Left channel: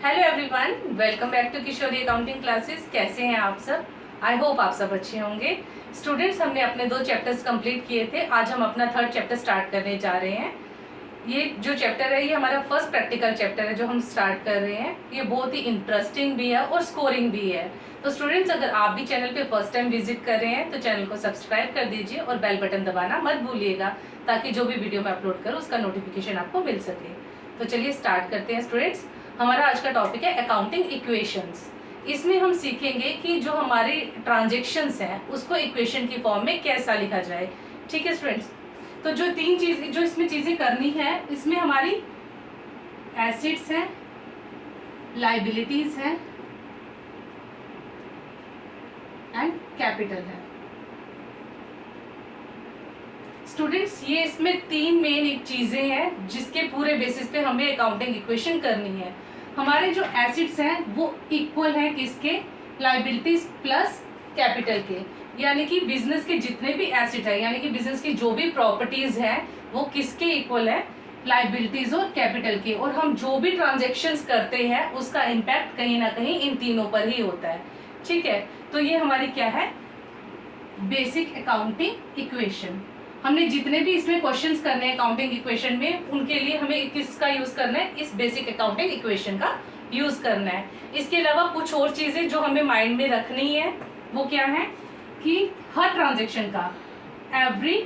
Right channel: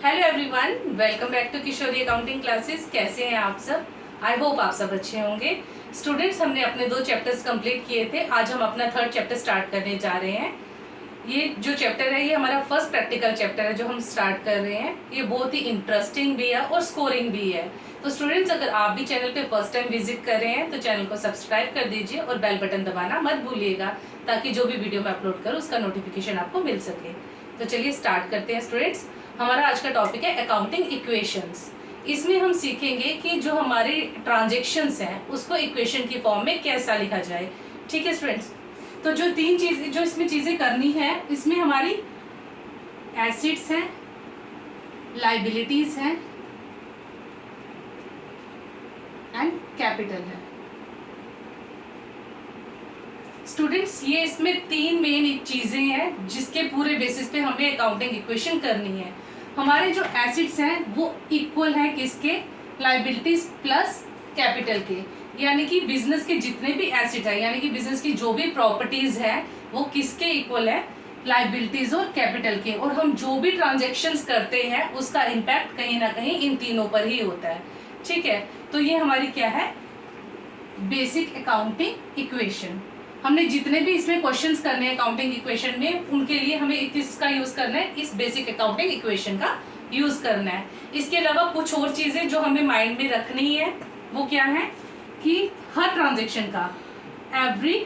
Hello everyone, welcome back to Kishori accounting classes. कैसे हैं आप सब? आई होप आप सब अच्छे होंगे। स्टूडेंट्स, हमने अपने 2 चैप्टर्स कंप्लीट किए थे। आज हम अपना 3rd चैप्टर स्टार्ट करने जा रहे हैं। ये जो चैप्टर है ये हमारा फर्स्ट प्रैक्टिकल चैप्टर है जो हम स्टार्ट कर रहे हैं। ये बहुत ही इंटरेस्टिंग भी है और स्कोरिंग भी है। तो स्टूडेंट्स, अगर आप भी चैनल पे फर्स्ट टाइम विजिट कर रहे हैं तो चैनल को सब्सक्राइब कर दीजिए और बेल बटन दबाना मत भूलिएगा, ताकि जो भी वीडियो मैं अपलोड करूँ उसका नोटिफिकेशन आपको मिल सके। तो चलिए स्टार्ट करते हैं स्टूडेंट्स। हमारा आज का टॉपिक है अकाउंटिंग इक्वेशंस। इसमें हम सीखेंगे कि जो हमारी ट्रांजेक्शन्स हैं उसको इक्वेशन की फॉर्म में कैसा लिखा जाए। ठीक है स्टूडेंट्स, तो जो 3 चीज जो इसमें चीजें करनी है, इसमें हमारी एसेट्स हैं, लाइबिलिटीज हैं एंड कैपिटल है। स्टूडेंट्स, ये इसमें 3 मेन चीजें हैं जिसके पूरे बेसिस पे हमें अकाउंटिंग इक्वेशन करनी है। हमारे जो एसेट्स हैं वो इक्वल हैं किसके? लाइबिलिटीज प्लस कैपिटल के। यानी कि बिजनेस के जितने भी एसेट है, यानी कि बिजनेस की जो भी प्रॉपर्टीज है वो किसके इक्वल है? लाइबिलिटीज और कैपिटल के। और हम जो भी ट्रांजेक्शन्स करते हैं उसका इम्पैक्ट कहीं ना कहीं इन तीनों पर ही होता है। ठीक है, तो ये हमारी क्या है? Basic accounting equation. हमने जितने भी इसमें क्वेश्चंस करने हैं अकाउंटिंग इक्वेशन में, उनके लिए हमें किसका यूज करना है? इस बेसिक अकाउंटिंग इक्वेशन का यूज करना है। इसके अलावा कुछ और चीजें जो हमें माइंड में रखनी है वो क्या है कि हर ट्रांजेक्शन का, every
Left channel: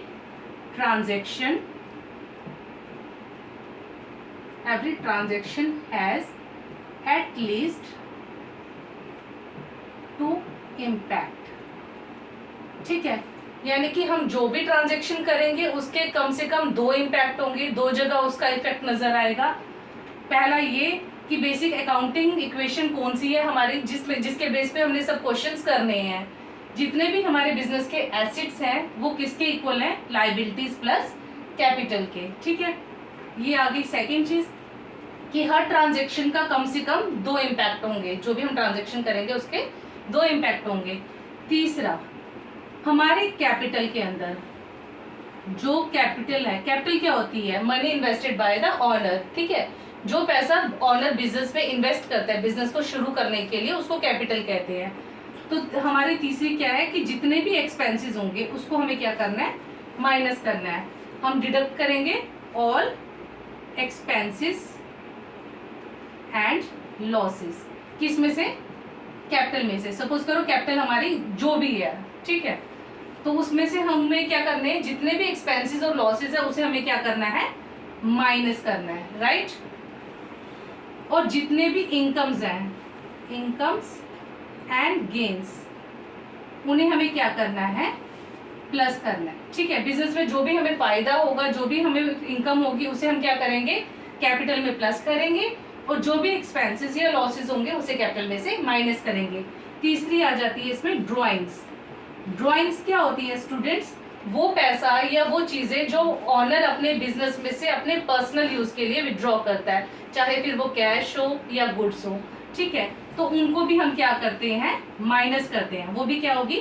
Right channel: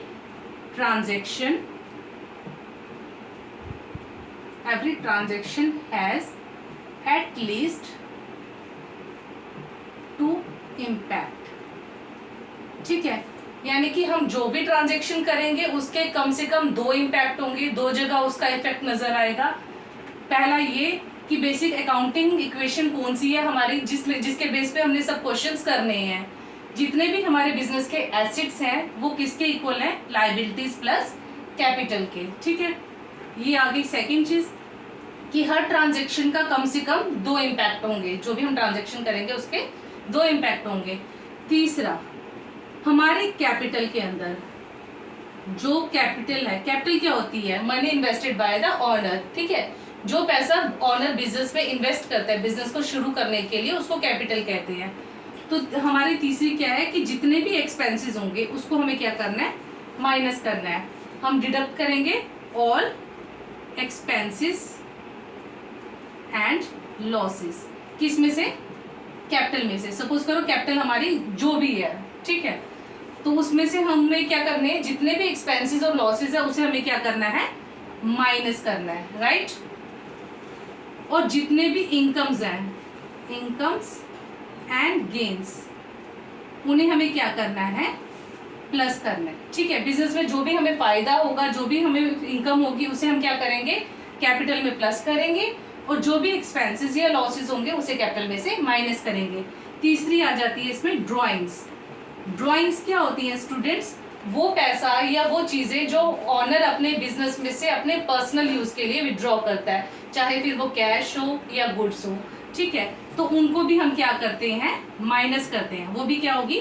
transaction has at least 2 impact. ठीक है, यानी कि हम जो भी ट्रांजैक्शन करेंगे उसके कम से कम 2 इम्पैक्ट होंगे, 2 जगह उसका इफेक्ट नजर आएगा। पहला ये कि बेसिक अकाउंटिंग इक्वेशन कौन सी है हमारी, जिसके बेस पे हमने सब क्वेश्चंस करने हैं। जितने भी हमारे बिजनेस के एसेट्स हैं वो किसके इक्वल हैं? लाइबिलिटीज प्लस कैपिटल के। ठीक है, ये आ गई सेकेंड चीज कि हर ट्रांजेक्शन का कम से कम 2 इम्पैक्ट होंगे। जो भी हम ट्रांजेक्शन करेंगे उसके 2 इम्पैक्ट होंगे। तीसरा, हमारे कैपिटल के अंदर जो कैपिटल है, कैपिटल क्या होती है? Money invested by the owner. ठीक है, जो पैसा ओनर बिजनेस में इन्वेस्ट करता है बिजनेस को शुरू करने के लिए, उसको कैपिटल कहते हैं। तो हमारी तीसरी क्या है कि जितने भी एक्सपेंसेस होंगे उसको हमें क्या करना है? माइनस करना है। हम डिडक्ट करेंगे ऑल एक्सपेंसेस एंड लॉसेस। किस में से? कैपिटल में से। सपोज करो कैपिटल हमारी जो भी है, ठीक है, तो उसमें से हमें क्या करने हैं? जितने भी एक्सपेंसेस और लॉसेस है उसे हमें क्या करना है? माइनस करना है, राइट। और जितने भी इनकम्स हैं, इनकम्स एंड गेन्स, उन्हें हमें क्या करना है? प्लस करना है। ठीक है, बिजनेस में जो भी हमें फायदा होगा, जो भी हमें इनकम होगी, उसे हम क्या करेंगे? कैपिटल में प्लस करेंगे। और जो भी एक्सपेंसेस या लॉसेस होंगे उसे कैपिटल में से माइनस करेंगे। तीसरी आ जाती है इसमें ड्रॉइंग्स। ड्रॉइंग्स क्या होती है स्टूडेंट्स? वो पैसा या वो चीजें जो ऑनर अपने बिजनेस में से अपने पर्सनल यूज के लिए विड्रॉ करता है, चाहे फिर वो कैश हो या गुड्स हो। ठीक है, तो उनको भी हम क्या करते हैं? माइनस करते हैं। वो भी क्या होगी?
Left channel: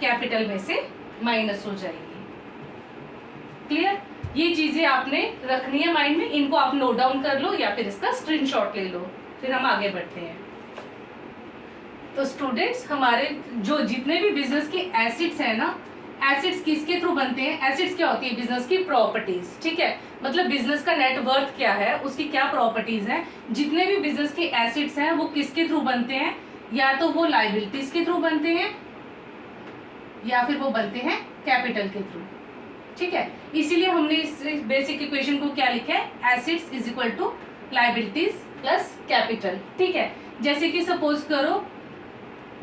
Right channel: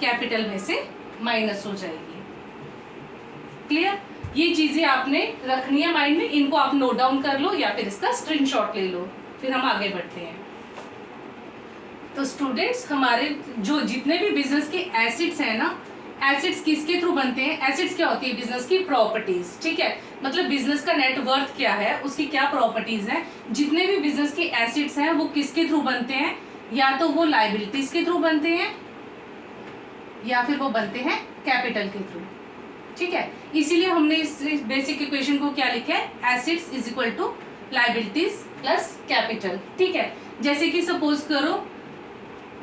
कैपिटल में से माइनस हो जाएगी। क्लियर? ये चीजें आपने रखनी है माइंड में, इनको आप नोट डाउन कर लो या फिर इसका स्क्रीनशॉट ले लो, फिर हम आगे बढ़ते हैं। तो स्टूडेंट्स, हमारे जो जितने भी बिजनेस के एसेट्स हैं ना, एसेट्स किसके थ्रू बनते हैं? एसेट्स क्या होती है? बिजनेस की प्रॉपर्टीज। ठीक है, मतलब बिजनेस का नेट वर्थ क्या है, उसकी क्या प्रॉपर्टीज हैं। जितने भी बिजनेस के एसेट्स हैं वो किसके थ्रू बनते हैं? या तो वो लाइबिलिटीज के थ्रू बनते हैं या फिर वो बनते हैं कैपिटल के थ्रू। ठीक है, इसीलिए हमने इस बेसिक इक्वेशन को क्या लिखा है? Assets is equal to liabilities plus capital. ठीक है, जैसे कि सपोज करो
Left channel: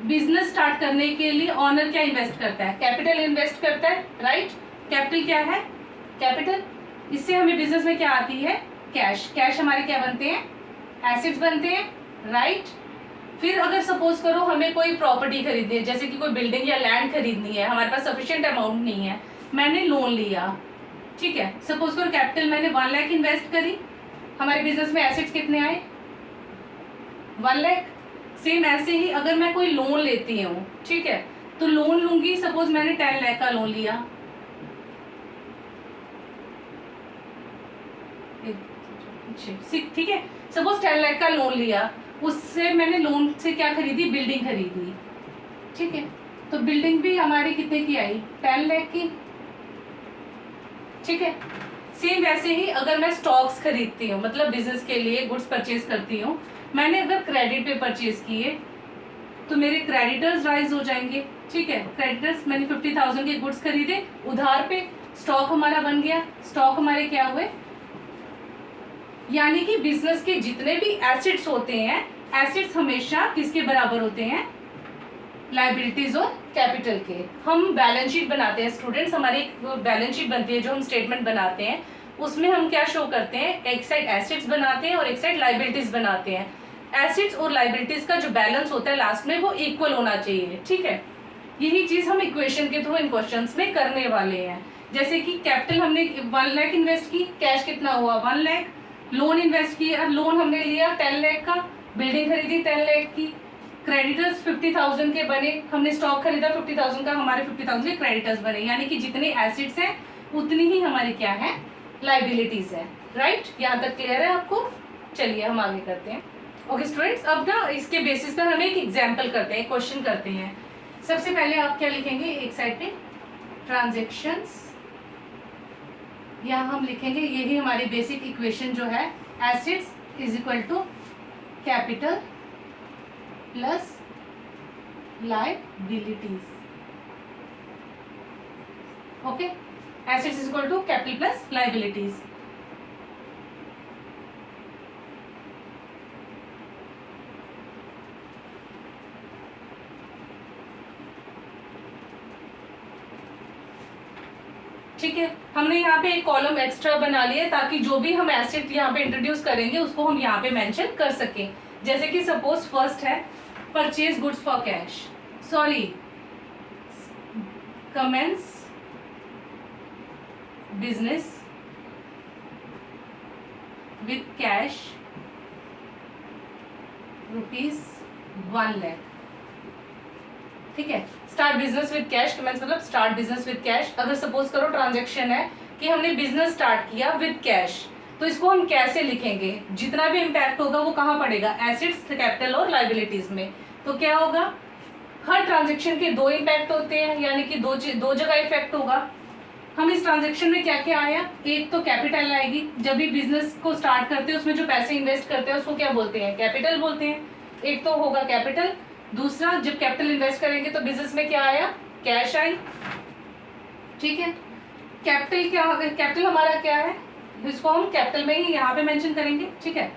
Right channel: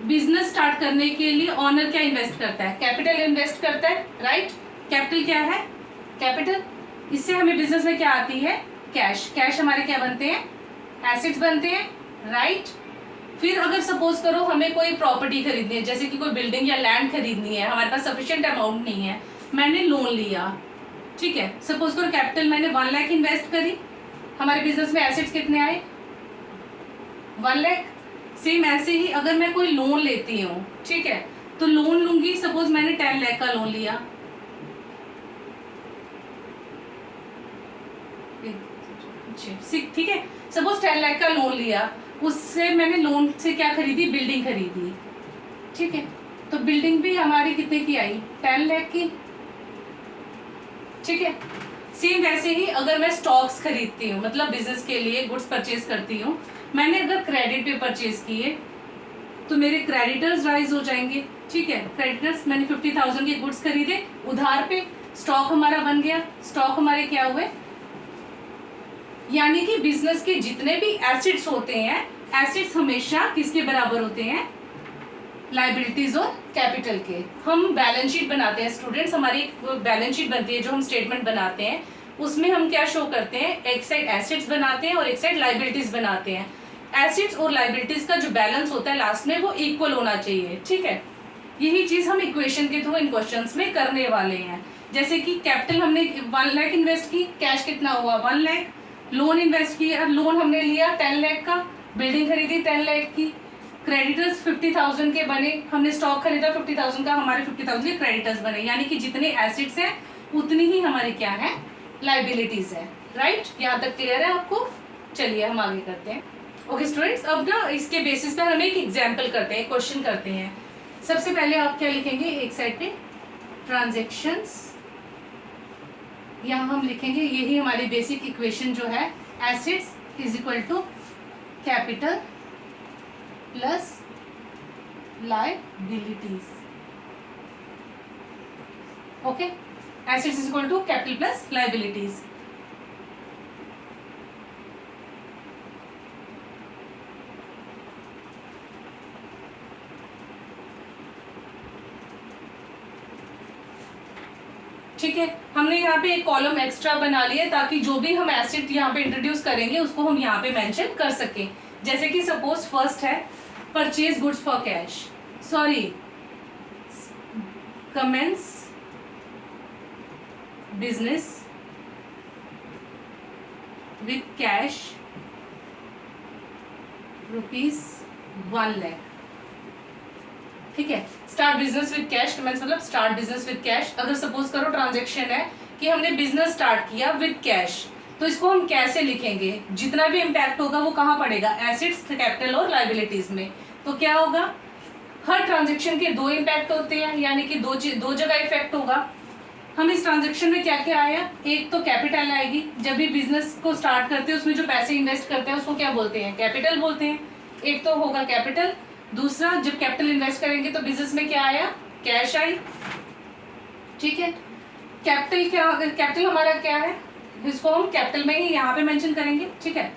बिजनेस स्टार्ट करने के लिए ऑनर क्या इन्वेस्ट करता है? कैपिटल इन्वेस्ट करता है, राइट। कैपिटल क्या है? कैपिटल। इससे हमें बिजनेस में क्या आती है? कैश। कैश हमारे क्या बनते हैं? एसेट्स बनते हैं, राइट। फिर अगर सपोज करो हमें कोई प्रॉपर्टी खरीदनी है, जैसे कि कोई बिल्डिंग या लैंड खरीदनी है, हमारे पास सफिशिएंट अमाउंट नहीं है, मैंने लोन लिया। ठीक है, सपोज करो कैपिटल मैंने 1 लाख इन्वेस्ट करी, हमारे बिजनेस में एसेट्स कितने आए? 1 लाख। सेम ऐसे ही अगर मैं कोई लोन लेती हूँ, ठीक है, तो लोन लूंगी, सपोज मैंने 10 लाख का लोन लिया, ठीक है। सपोज 10 लाख का लोन लिया, उससे मैंने लोन से क्या खरीदी, बिल्डिंग खरीदी, ठीक है। तो बिल्डिंग भी हमारी कितने की आई, 10 लाख की, ठीक है। सेम वैसे ही अगर मैं स्टॉक्स खरीदती हूँ, मतलब बिजनेस के लिए गुड्स परचेज करती हूँ, मैंने अगर क्रेडिट पे परचेज किए तो मेरे क्रेडिटर्स राइज हो जाएंगे, ठीक है। क्रेडिटर्स, मैंने 50,000 के गुड्स खरीदे उधार पे, स्टॉक हमारा बन गया, स्टॉक हमारे क्या हुए, यानी कि बिजनेस के जितने भी एसेट्स होते हैं, एसेट्स हमेशा किसके बराबर होते हैं, लाइबिलिटीज और कैपिटल के। हम बैलेंस शीट बनाते हैं स्टूडेंट्स, हमारी एक बैलेंस शीट बनती है जो हम स्टेटमेंट बनाते हैं, उसमें हम क्या शो करते हैं, एक साइड एसेट्स बनाते हैं और एक साइड लाइबिलिटीज बनाते हैं। एसेट्स और लाइबिलिटीज का जो बैलेंस होता है लास्ट में वो इक्वल होना चाहिए, ठीक है। यही चीज हम इक्वेशन के थ्रू इन क्वेश्चंस में करने वाले हैं। जैसे कि कैपिटल हमने 1 लाख इन्वेस्ट की, कैश कितना हुआ 1 लाख, लोन इन्वेस्ट किया, लोन हमने लिया 10 लाख का, बिल्डिंग खरीदी 10 लाख की, क्रेडिटर्स 50,000 के बने, हमने स्टॉक खरीदा 50,000 का, हमारे 50,000 के क्रेडिटर्स बने, यानी कि जितने एसेट्स हैं उतनी ही हमारी क्या है, लाइबिलिटीज है, राइट। यहाँ तक क्लियर है आपको? चलिए हम आगे करते हैं। ओके स्टूडेंट्स, अब ना इसके बेसिस पर हम एक एग्जाम्पल करते हैं, क्वेश्चन करते हैं। सबसे पहले आप क्या लिखेंगे, एक साइड पे ट्रांजेक्शन्स, यहाँ हम लिखेंगे, यही हमारी बेसिक इक्वेशन जो है, assets is equal to capital plus liabilities. Okay, assets is equal to capital plus liabilities. ठीक है, हमने यहाँ पे एक कॉलम एक्स्ट्रा बना लिया ताकि जो भी हम एसेट यहाँ पे इंट्रोड्यूस करेंगे उसको हम यहाँ पे मेंशन कर सकें। जैसे कि सपोज फर्स्ट है purchase goods for cash, sorry commence business with cash ₹1 lakh, ठीक है। Start business with cash, commence मतलब स्टार्ट बिजनेस विद कैश। अगर सपोज करो ट्रांजैक्शन है कि हमने बिजनेस स्टार्ट किया विद कैश, तो इसको हम कैसे लिखेंगे, जितना भी इम्पैक्ट होगा वो कहाँ पड़ेगा, एसेट्स, कैपिटल और लाइबिलिटीज में। तो क्या होगा, हर ट्रांजैक्शन के 2 इम्पैक्ट होते हैं, यानी कि दो जगह इफेक्ट होगा। हम इस ट्रांजैक्शन में क्या क्या आया, एक तो कैपिटल आएगी, जब भी बिजनेस को स्टार्ट करते हैं उसमें जो पैसे इन्वेस्ट करते हैं उसको क्या बोलते हैं, कैपिटल बोलते हैं। एक तो होगा कैपिटल, दूसरा जब कैपिटल इन्वेस्ट करेंगे तो बिजनेस में क्या आया, कैश आई, ठीक है। कैपिटल क्या, कैपिटल हमारा क्या है, इसको हम कैपिटल में ही यहाँ पे मेंशन करेंगे, ठीक है।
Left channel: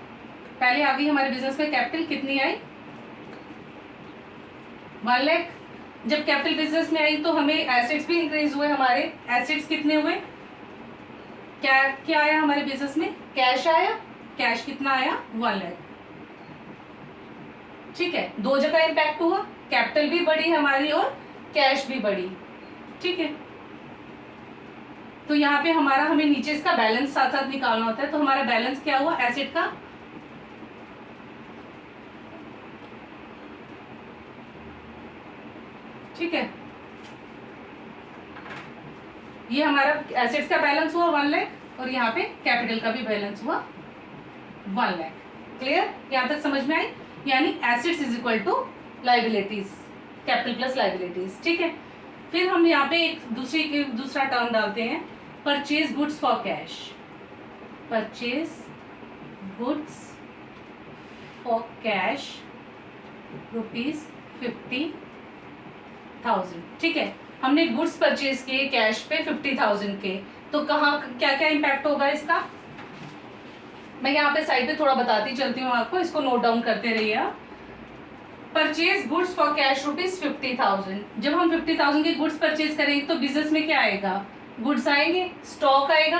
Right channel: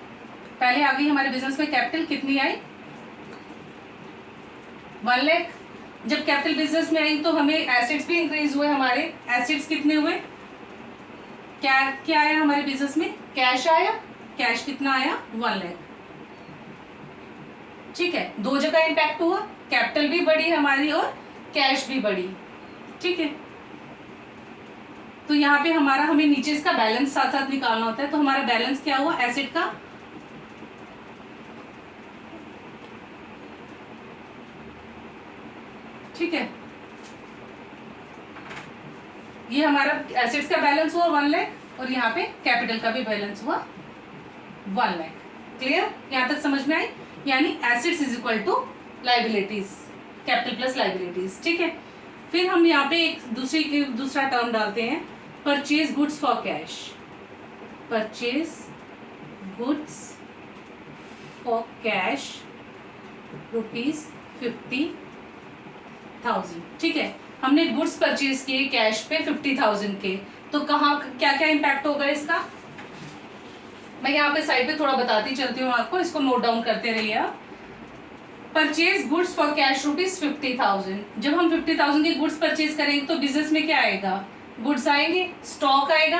पहले आ गई हमारे बिजनेस में कैपिटल कितनी आई, 1 लाख। जब कैपिटल बिजनेस में आई तो हमें एसेट्स भी इंक्रीज हुए, हमारे एसेट्स कितने हुए, क्या क्या आया हमारे बिजनेस में, कैश आया, कैश कितना आया 1 लाख, ठीक है। 2 जगह इम्पैक्ट हुआ, कैपिटल भी बढ़ी हमारी और कैश भी बढ़ी, ठीक है। तो यहाँ पे हमारा, हमें नीचे इसका बैलेंस साथ साथ निकालना होता है। तो हमारा बैलेंस क्या हुआ एसेट का, ठीक है। ये हमारा एसेट्स का बैलेंस हुआ 1 लाख और यहाँ पे कैपिटल का भी बैलेंस हुआ 1 लाख। क्लियर, यहाँ तक समझ में आई? यानी assets is equal to liabilities, capital plus liabilities, ठीक है। फिर हम यहाँ पे एक दूसरा टर्म डालते हैं, purchase goods for cash, purchase goods for cash ₹50,000, ठीक है। हमने गुड्स परचेज किए कैश पे 50,000 के, तो कहाँ क्या क्या इम्पैक्ट होगा इसका, मैं यहाँ पे साइड पे थोड़ा बताती चलती हूँ आपको, इसको नोट डाउन करते रहिए आप। परचेज गुड्स फॉर कैश ₹50,000, जब हम 50,000 के गुड्स परचेज करेंगे तो बिजनेस में क्या आएगा, गुड्स आएंगे, स्टॉक आएगा।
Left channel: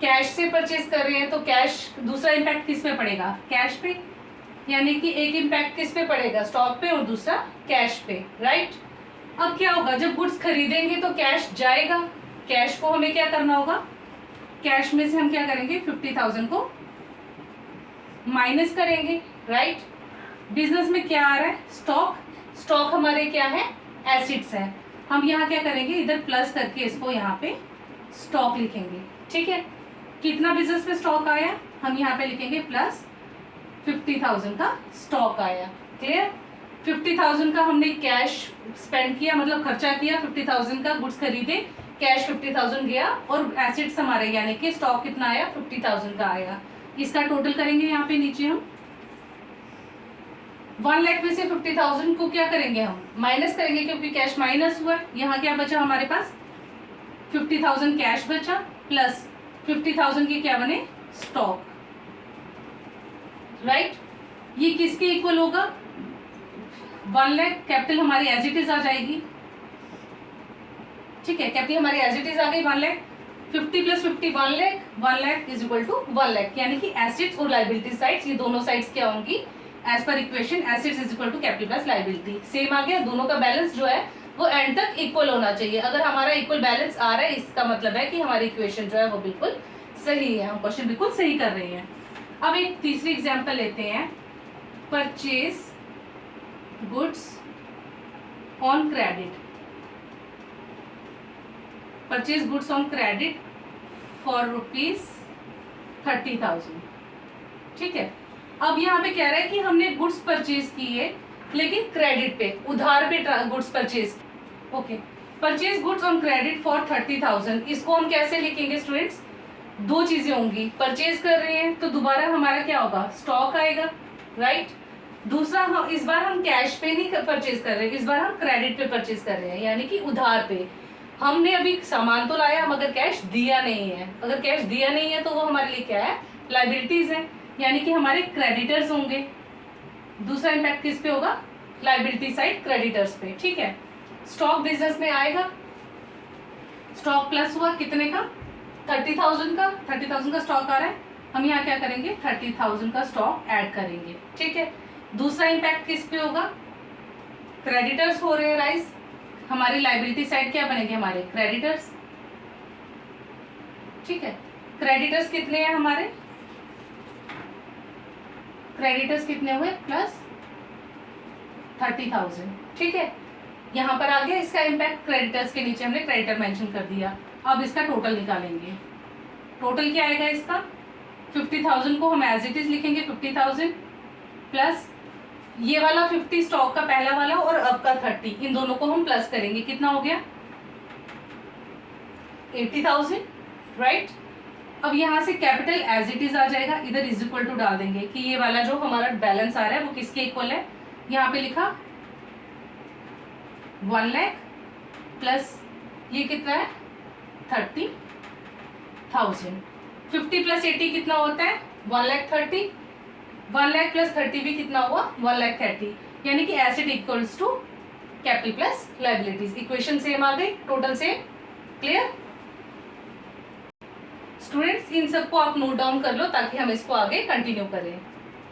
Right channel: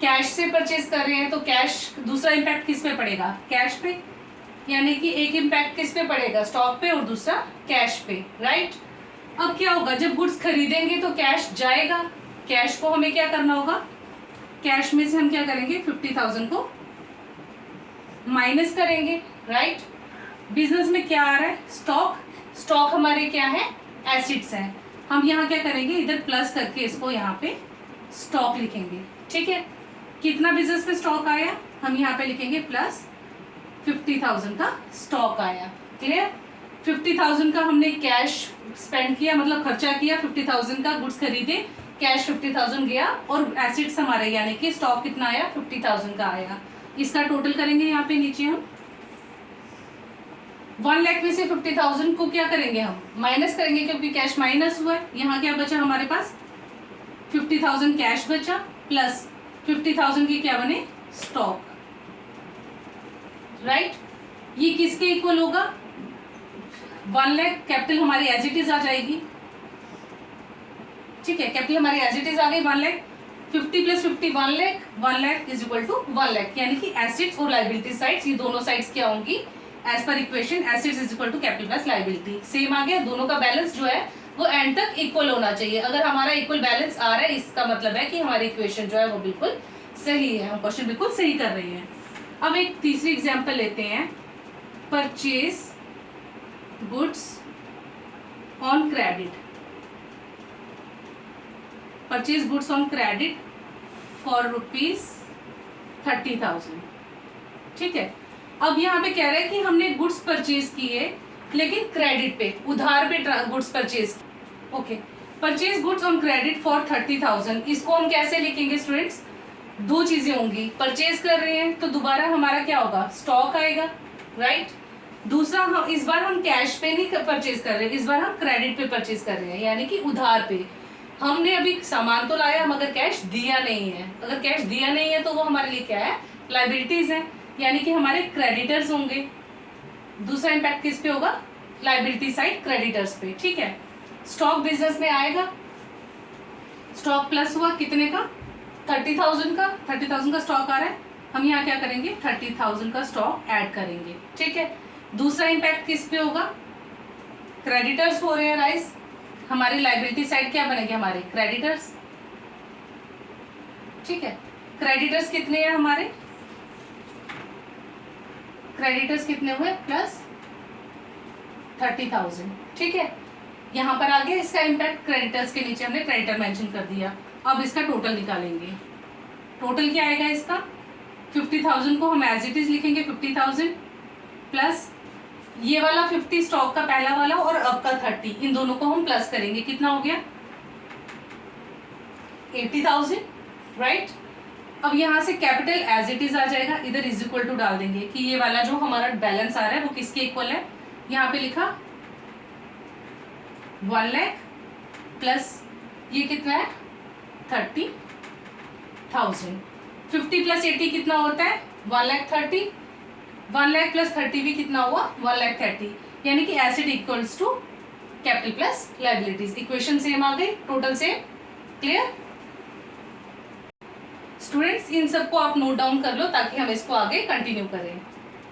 कैश से परचेज कर रहे हैं तो कैश, दूसरा इम्पैक्ट किस पे पड़ेगा, कैश पे, यानी कि एक इम्पैक्ट किस पे पड़ेगा, स्टॉक पे, और दूसरा कैश पे, राइट। अब क्या होगा, जब गुड्स खरीदेंगे तो कैश जाएगा, कैश को हमें क्या करना होगा, कैश में से हम क्या करेंगे 50,000 को माइनस करेंगे, राइट। बिजनेस में क्या आ रहा है, स्टॉक, स्टॉक हमारे क्या है, एसिड्स है। हम यहाँ क्या करेंगे, इधर प्लस करके इसको यहाँ पे स्टॉक लिखेंगे, ठीक है। कितना बिजनेस में स्टॉक आया, हम यहाँ पे लिखेंगे प्लस 50,000 का स्टॉक आया। क्लियर? 50,000 का हमने कैश स्पेंड किया, मतलब खर्चा किया, 50,000 का गुड्स खरीदे, कैश 50,000 गया, और एसेट्स हमारे यानी कि स्टॉक कितना आया, 50,000 का आया। इसका टोटल करेंगे यहाँ पे नीचे हम 1 लाख में से 50,000 को क्या करेंगे, हम माइनस करेंगे, क्योंकि कैश माइनस हुआ है। यहाँ क्या बचा हमारे पास, 50,000 कैश बचा प्लस 50,000 की क्या बने, स्टॉक। राइट? ये किसके इक्वल होगा, 1 लाख कैपिटल हमारी एज इट इज आ जाएगी। ठीक है, कैपिटल हमारी एज इट इज आ गई 1 lakh, 50 plus 50 1 lakh, 1 lakh is equal to 1 lakh, यानी कि एसेट्स और लाइबिलिटी साइड्स, ये दोनों साइड्स क्या होंगी, एज पर equation assets is equal to capital plus liability. Same आ गया, दोनों का बैलेंस जो है वो एंड तक इक्वल होना चाहिए। अगर हमारा इक्वल बैलेंस आ रहा है, इसका मतलब है कि हमारी इक्वेशन जो है वो बिल्कुल सही है, हम क्वेश्चन बिल्कुल सही कर रहे हैं। अब एक तीसरी एग्जांपल लेते हैं, purchase goods on credit, purchase goods on credit for ₹30,000। ठीक है, अब यहाँ पे कह रहा है कि हमने गुड्स परचेज किए लेकिन क्रेडिट पे, उधार पे goods purchase. Okay, purchase goods on credit for 30,000, इसको हम कैसे लिखेंगे स्टूडेंट्स, दो चीजें होंगी, परचेज कर रहे हैं तो दोबारा हमारा क्या होगा, स्टॉक आएगा। राइट? दूसरा, हम इस बार हम कैश पे नहीं परचेज कर रहे हैं, इस बार हम क्रेडिट पे परचेज कर रहे हैं, यानी कि उधार पे। हमने अभी सामान तो लाया, मगर कैश दिया नहीं है। अगर कैश दिया नहीं है तो वो हमारे लिए क्या है, लाइबिलिटीज है, यानी कि हमारे क्रेडिटर्स होंगे। दूसरा इम्पैक्ट किस पे होगा, लाइबिलिटी साइड, क्रेडिटर्स पे। ठीक है, स्टॉक बिजनेस में आएगा, स्टॉक प्लस हुआ कितने का, 30,000 का, 30,000 का स्टॉक आ रहा है, हम यहाँ क्या करेंगे, 30,000 का स्टॉक ऐड करेंगे। ठीक है, दूसरा इम्पैक्ट किस पे होगा, क्रेडिटर्स हो रहे हैं राइज, हमारी लाइबिलिटी साइड क्या बनेंगे, हमारे क्रेडिटर्स। ठीक है, क्रेडिटर्स कितने हैं हमारे, क्रेडिटर्स कितने हुए, प्लस 30,000। ठीक है, यहाँ पर आ गया इसका इम्पैक्ट, क्रेडिटर्स के नीचे हमने क्रेडिटर मेंशन कर दिया। अब इसका टोटल निकालेंगे, टोटल क्या आएगा इसका, 50,000 को हम एज इट इज लिखेंगे 50,000 प्लस ये वाला 50 स्टॉक का पहला वाला और अब का 30, इन दोनों को हम प्लस करेंगे, कितना हो गया 80,000। राइट? अब यहाँ से कैपिटल एज इट इज आ जाएगा, इधर इज इक्वल टू डाल देंगे कि ये वाला जो हमारा बैलेंस आ रहा है वो किसके इक्वल है, यहाँ पे लिखा 1 लाख प्लस ये कितना है 30,000। 50 प्लस 80 कितना होता है 1,30,000, 1 लाख प्लस 30 भी कितना हुआ 1,30,000, यानी कि asset equals to capital plus liabilities. Equation same आ गई, टोटल सेम। Clear students? इन सबको आप नोट डाउन कर लो ताकि हम इसको आगे कंटिन्यू करें।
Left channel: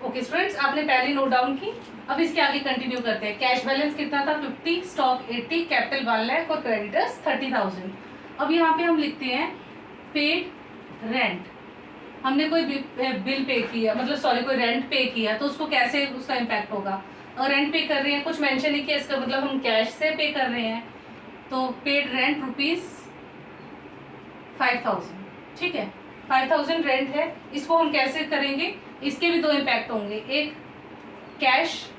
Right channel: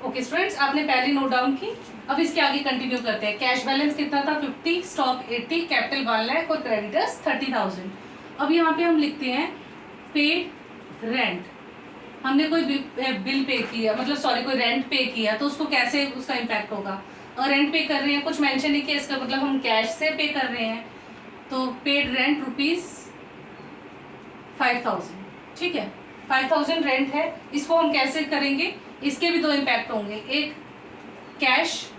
ओके स्टूडेंट्स, आपने पहले नोट डाउन की, अब इसके आगे कंटिन्यू करते हैं। कैश बैलेंस कितना था 50, स्टॉक 80, कैपिटल 1 लाख और क्रेडिटर्स 30,000। अब यहाँ पे हम लिखते हैं पेड रेंट, हमने कोई बिल पे किया, मतलब सॉरी कोई रेंट पे किया, तो उसको कैसे उसका इम्पैक्ट होगा। अगर रेंट पे कर रहे हैं, कुछ मेंशन नहीं किया, इसका मतलब हम कैश से पे कर रहे हैं, तो पेड रेंट ₹5,000। ठीक है, 5,000 रेंट है, इसको हम कैसे करेंगे, इसके भी दो इम्पैक्ट होंगे, एक कैश।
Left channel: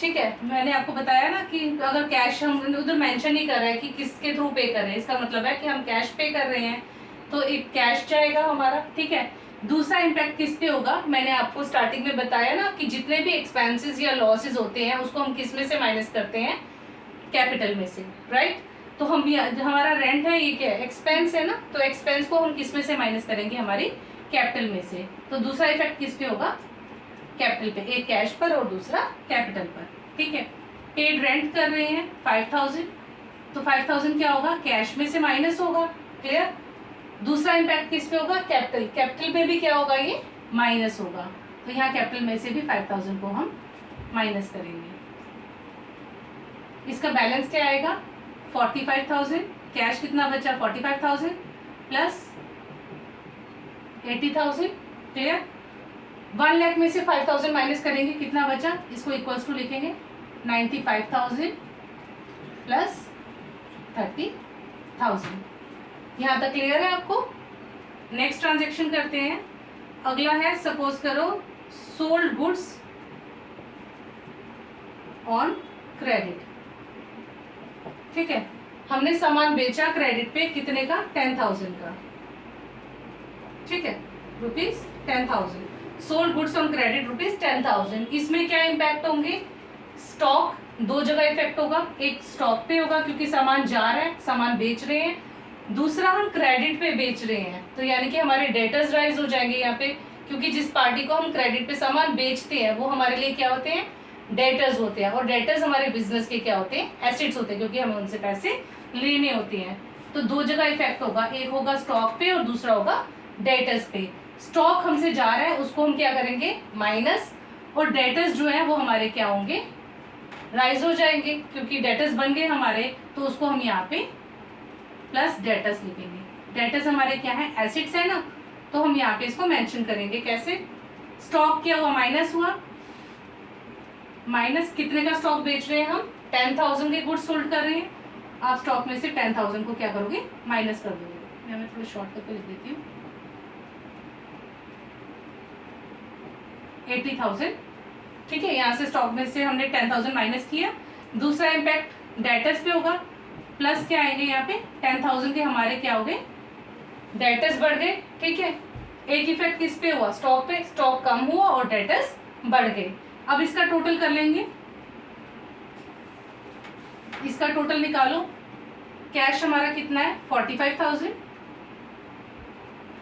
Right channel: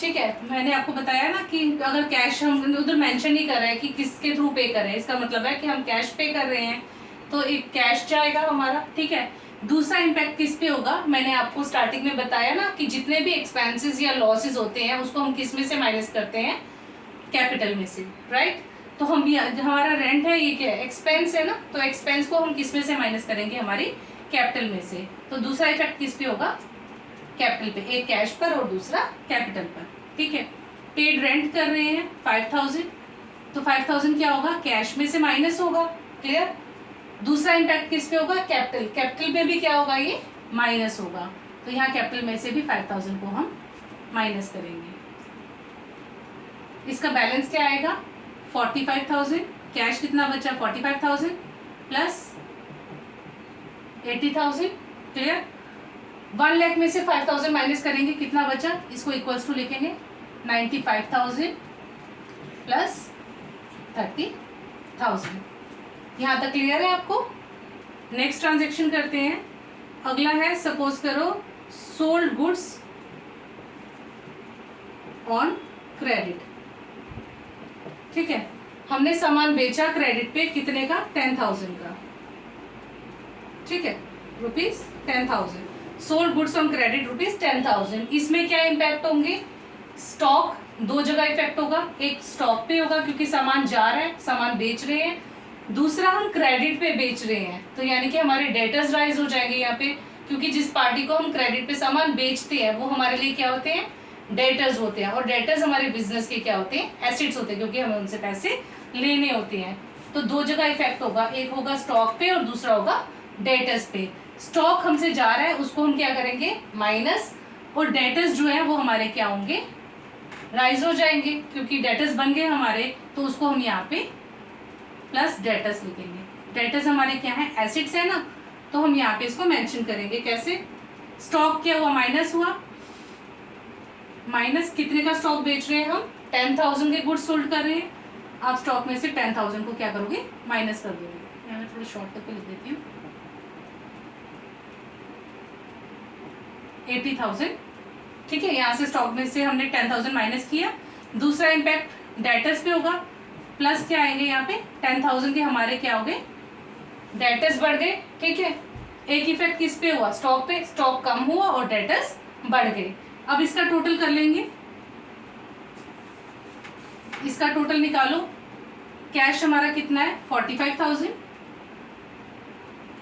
ठीक है, मैंने आपको बताया ना कि अगर कैश हम उधर मेंशन नहीं कर रहे हैं कि किसके थ्रू पे कर रहे हैं, इसका मतलब है कि हम कैश पे कर रहे हैं, तो एक कैश जाएगा हमारा। ठीक है, दूसरा इम्पैक्ट किस पे होगा, मैंने आपको स्टार्टिंग में बताया ना कि जितने भी एक्सपेंसेस या लॉसेस होते हैं उसको हम किस में से माइनस करते हैं, कैपिटल में से। राइट? तो हम भी हमारा रेंट है, ये क्या है एक्सपेंस है ना, तो एक्सपेंस को हम किस में से माइनस करेंगे, हमारी कैपिटल में से। तो दूसरा इफेक्ट किस पे होगा, कैपिटल पे, एक कैश पर और दूसरा कैपिटल पर। ठीक है, पेड रेंट कर रहे हैं 5,000, तो 5,000 क्या होगा, कैश में से माइनस होगा। क्लियर? दूसरा इम्पैक्ट किस पे होगा, कैपिटल, कैपिटल पे भी क्या होगा, ये माइनस होगा, तो यहाँ कैपिटल में से भी 5,000 को हम माइनस करेंगे। इसका बैलेंस क्या आएगा 45,000, कैश कितना बचा 45,000 प्लस 80,000। क्लियर? 1 लाख में से 5,000 माइनस करेंगे, कितना बचा, इसको इक्वल्स टू लिखेंगे 95,000 प्लस 30,000। यहाँ तक क्लियर है आपको? नेक्स्ट ट्रांजेक्शन करते हैं, अगला है सपोज करो सोल्ड गुड्स ऑन क्रेडिट। ठीक है, हमने सामान बेचा क्रेडिट पे कितने का, 10,000 का। ठीक है, ₹10,000। Sold goods on credit ₹10,000। इसमें क्या इम्पैक्ट होंगे, स्टॉक, दो जगह इफेक्ट होगा। एक स्टॉक पे होगा क्योंकि सामान जा रहा है, सामान बेच रहे हैं। दूसरा हम क्रेडिट पे बेच रहे हैं, तो यानी कि हमारे डेटर्स राइज हो जाएंगे यहाँ पे, क्योंकि जिस पार्टी को हम क्रेडिट पे सामान बेचते हैं वो हमारे लिए क्या होते हैं, डेटर्स होते हैं। और डेटर्स हमारे बिजनेस के क्या होते हैं, एसेट्स होते हैं, क्योंकि हमें उनसे पैसे लेने होते हैं। तो दो जगह इफेक्ट होगा, एक होगा स्टॉक पे और दूसरा होगा डेटर्स पे। स्टॉक हमसे जा रहा है, उसको हम क्या करेंगे, माइनस, और डेटर्स जो है वो हमारे क्या होंगे, राइज हो जाएंगे, क्योंकि डेटर्स बन गए हमारे, तो उसको हम यहाँ पे प्लस डेटर्स लिखेंगे। डेटर्स हमारे क्या है, एसेट्स है ना, तो हम यहाँ पे इसको मेंशन करेंगे। कैसे, स्टॉक क्या हुआ, माइनस हुआ, माइनस कितने का स्टॉक बेच रहे हैं हम, 10,000 के गुड्स सोल्ड कर रहे हैं। आप स्टॉक में से 10,000 को क्या करोगे, माइनस कर दोगे। मैं थोड़ा शॉर्ट करके लिख देती हूँ, 80,000। ठीक है, यहाँ से स्टॉक में से हमने 10,000 माइनस किया। दूसरा इम्पैक्ट डेटर्स पे होगा, प्लस क्या आएंगे यहाँ पे, 10,000 के हमारे क्या हो गए, डेटर्स बढ़ गए। ठीक है, एक इफेक्ट किस पे हुआ, स्टॉक पे, स्टॉक कम हुआ और डेटर्स बढ़ गए। अब इसका टोटल कर लेंगे, इसका टोटल निकालो। कैश हमारा कितना है, 45,000।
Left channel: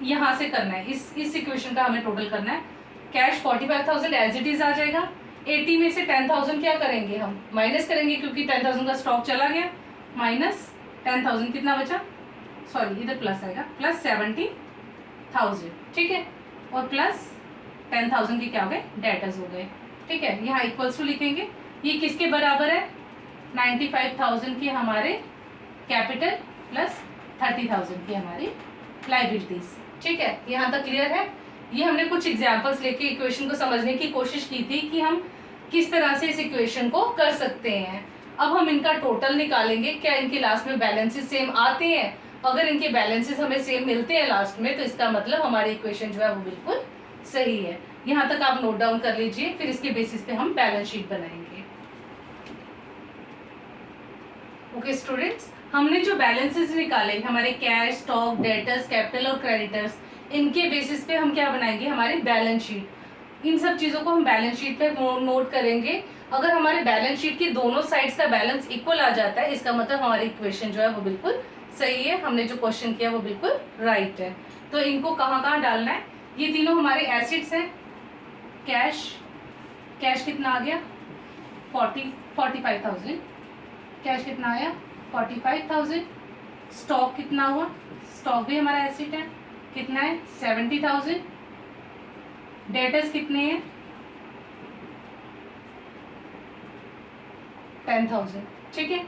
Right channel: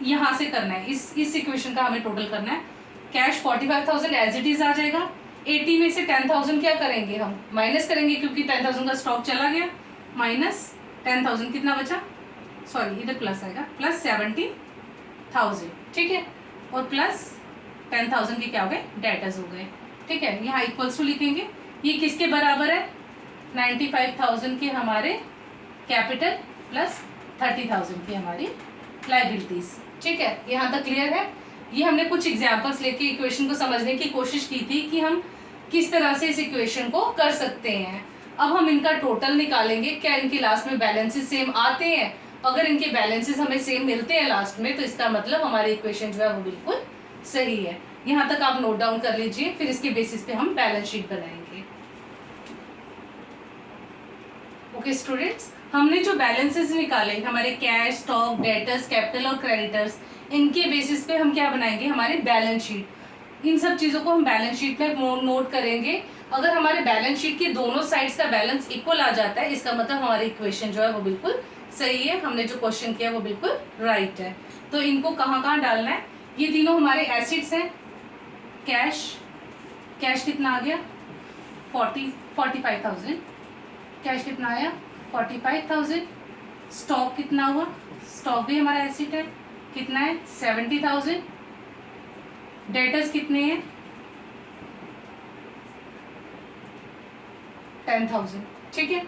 यहां से करना है, इस इक्वेशन का हमें टोटल करना है। कैश 45,000 एज इट इज आ जाएगा। 80 में से 10,000 क्या करेंगे, हम माइनस करेंगे, क्योंकि 10,000 का स्टॉक चला गया। माइनस 10,000 कितना बचा, सॉरी इधर प्लस आएगा, प्लस 70,000। ठीक है, और प्लस 10,000 के क्या हो गए, डेटर्स हो गए। ठीक है, यहाँ इक्वल्स टू लिखेंगे। ये किसके बराबर है, 95,000 के हमारे कैपिटल प्लस 30,000 की हमारी लाइबिलिटीज। ठीक है, यहाँ तक क्लियर है। ये हमने कुछ एग्जांपल्स लेके इक्वेशन को समझने की कोशिश की थी कि हम किस तरह से इस इक्वेशन को कर सकते हैं। अब हम इनका टोटल निकालेंगे, क्या इनके लास्ट में बैलेंसेस सेम आते हैं। अगर इनके बैलेंसेस हमें सेम मिलते हैं लास्ट में, तो इसका मतलब हमारी इक्वेशन जो है वो बिल्कुल सही है। यहाँ तक आप नोट डाउन कर लीजिए, फिर इसके बेसिस पे हम बैलेंस शीट बनाएंगे। ओके स्टूडेंट्स, हमने जो बैलेंसेस निकाले हमारे कैश, स्टॉक, डेटर्स, कैपिटल और क्रेडिटर्स, इनके बेसिस पे हम क्या बनाएंगे, हमारी बैलेंस शीट। इन सब चीज़ों को हम बैलेंस शीट में नोट करेंगे। अगर हमारे बैलेंस शीट की दोनों साइड्स का बैलेंस इक्वल आ जाता है, इसका मतलब हमारी इक्वेशन जो है वो बिल्कुल सही है, हमने जो क्वेश्चन किया वो बिल्कुल राइट है। तो इनको कहाँ कहाँ डालना है, ये तीनों हमारे एसिड्स हैं। कैश, कैश कितना आ गया, 45,000। कैश कितना आया, 45,000। स्टॉक कितना हुआ, स्टॉक भी हमारा एसेट है, कितना है, 70,000। डेटर्स कितने हैं, 10,000। ठीक है,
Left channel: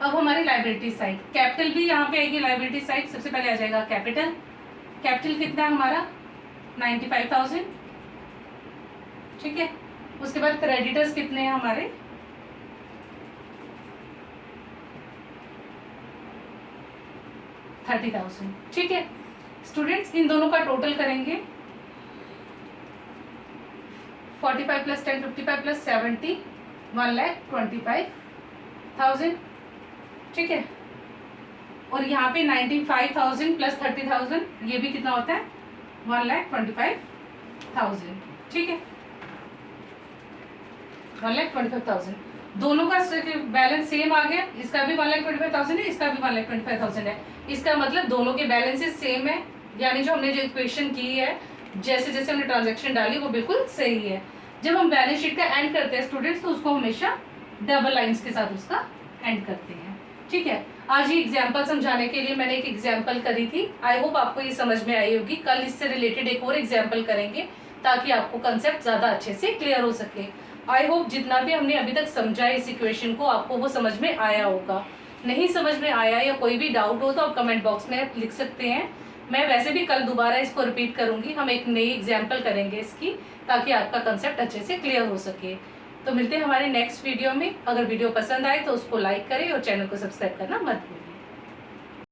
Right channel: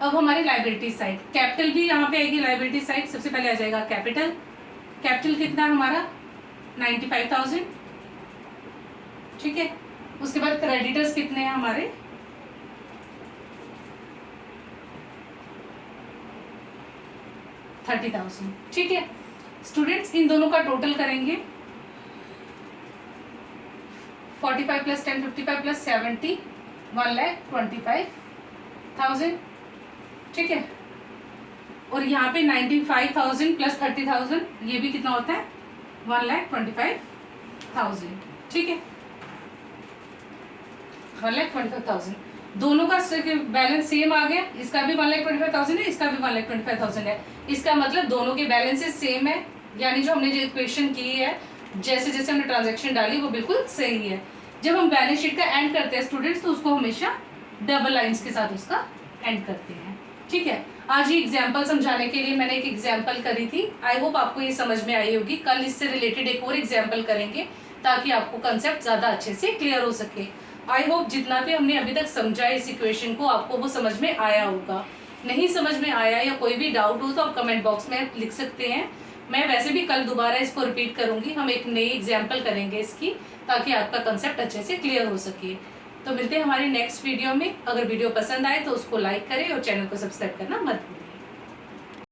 अब हमारी लाइबिलिटी साइड, कैपिटल भी यहाँ पे आएगी। लाइबिलिटी साइड सबसे पहले आ जाएगा कैपिटल। कैपिटल कितना है हमारा, 95,000। ठीक है, उसके बाद क्रेडिटर्स कितने हैं हमारे, 30,000। ठीक है स्टूडेंट्स, इन दोनों का टोटल करेंगे, 45 प्लस 10 55 प्लस 70 1,25,000। ठीक है, और यहाँ पे 95,000 प्लस 30,000, ये भी कितना होता है, 1,25,000। ठीक है, 1,25,000। दोनों का बैलेंस सेम आ गया, इसका भी 1,25,000 है, इसका भी 1,25,000 है। इसका मतलब दोनों के बैलेंसेस सेम है, यानी जो हमने जो इक्वेशन की है, जैसे जैसे हमने ट्रांजैक्शन डाली वो बिल्कुल सही है। जब हम बैलेंस शीट का एंड करते हैं स्टूडेंट्स, तो उसको हमेशा डबल लाइंस के साथ उसका एंड करते हैं। ठीक है, आज ये एग्जाम्पल समझाने के लिए मैंने एक एग्जाम्पल करी थी। आई होप आपको ये समझ में आई होगी। कल इससे रिलेटेड एक और एग्जाम्पल करेंगे ताकि आपको कंसेप्ट ज़्यादा अच्छे से क्लियर हो सके। आई होप जितना भी हमने अभी तक समझा इस इक्वेशन को, आपको वो समझ में आया होगा। नहीं समझ में आया या कोई भी डाउट हो तो आप कमेंट बॉक्स में लिख सकते हैं। मैं वैसे भी कल दोबारा इसको रिपीट करूंगी, हम एक नई एग्जाम्पल करेंगे इसकी, ताकि आपका कंसेप्ट अच्छे से क्लियर हो सके। तो मिलते हैं हमारे नेक्स्ट वीडियो में। अगर वीडियो पसंद आए तो उसको लाइक करें और चैनल को सब्सक्राइब करना मत भूलें।